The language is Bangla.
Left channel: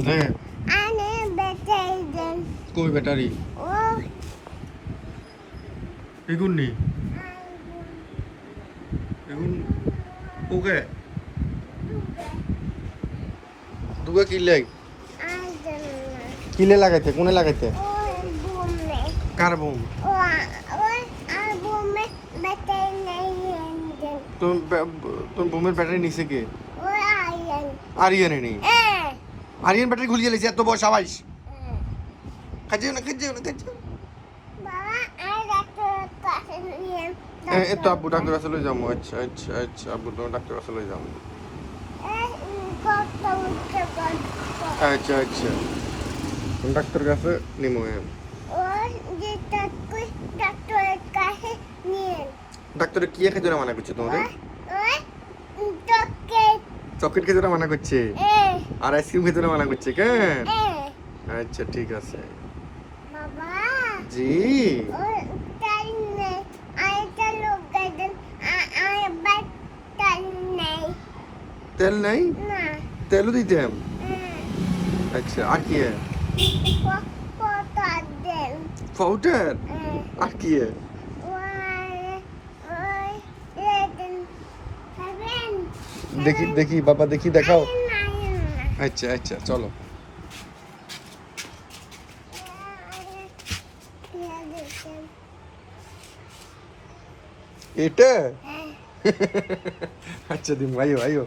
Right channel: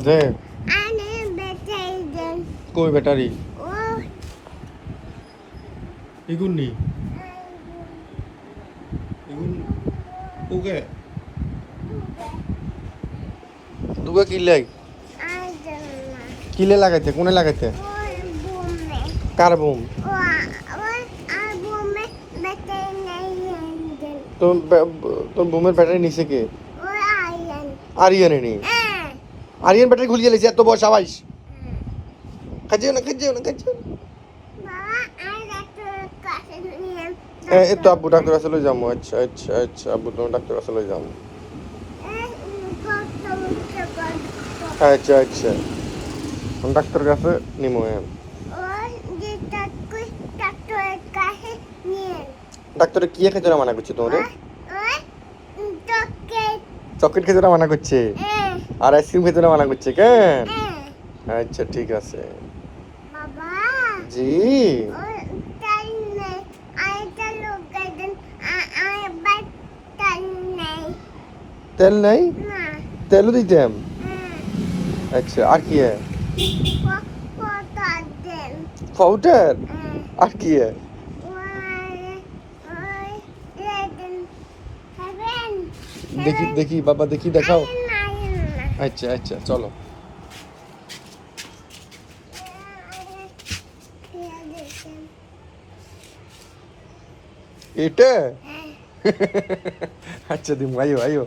দে আনে ব্যাটারি দেন কই ব্যাটারি ও এগুন নি এগুন ওকে দুগা কিলাই কিলে লাগাইতে কোনে লাগাইতে কার বুম তোর তোর বুমের ব্যাটারি নিচে কে আরিয়ান নি আরিয়ান ব্যাটারি খুলিয়ে লেছে এত বয়স আবাইস কাজেও না এই তো আব্বু ডাক্তার কাছে লই যাবো আচ্ছা আব্বু তোমার ডাক্তার কাছে লই যাবো আচ্ছা আমি ডাক্তার কাছে নিমো ডাক্তার কি খেতে মানা করছে তোমার চকলেট খেতে মানা করছে আর আইসক্রিম খেতে মানা করছে কেন আচ্ছা ঠিক আছে জি তেল নাই তেলও দিতাম আচ্ছা আর কি পাউডার আর কি দেখি বাবা দেখি দেখাও আচ্ছা চলো এটা আচ্ছা দিম আইও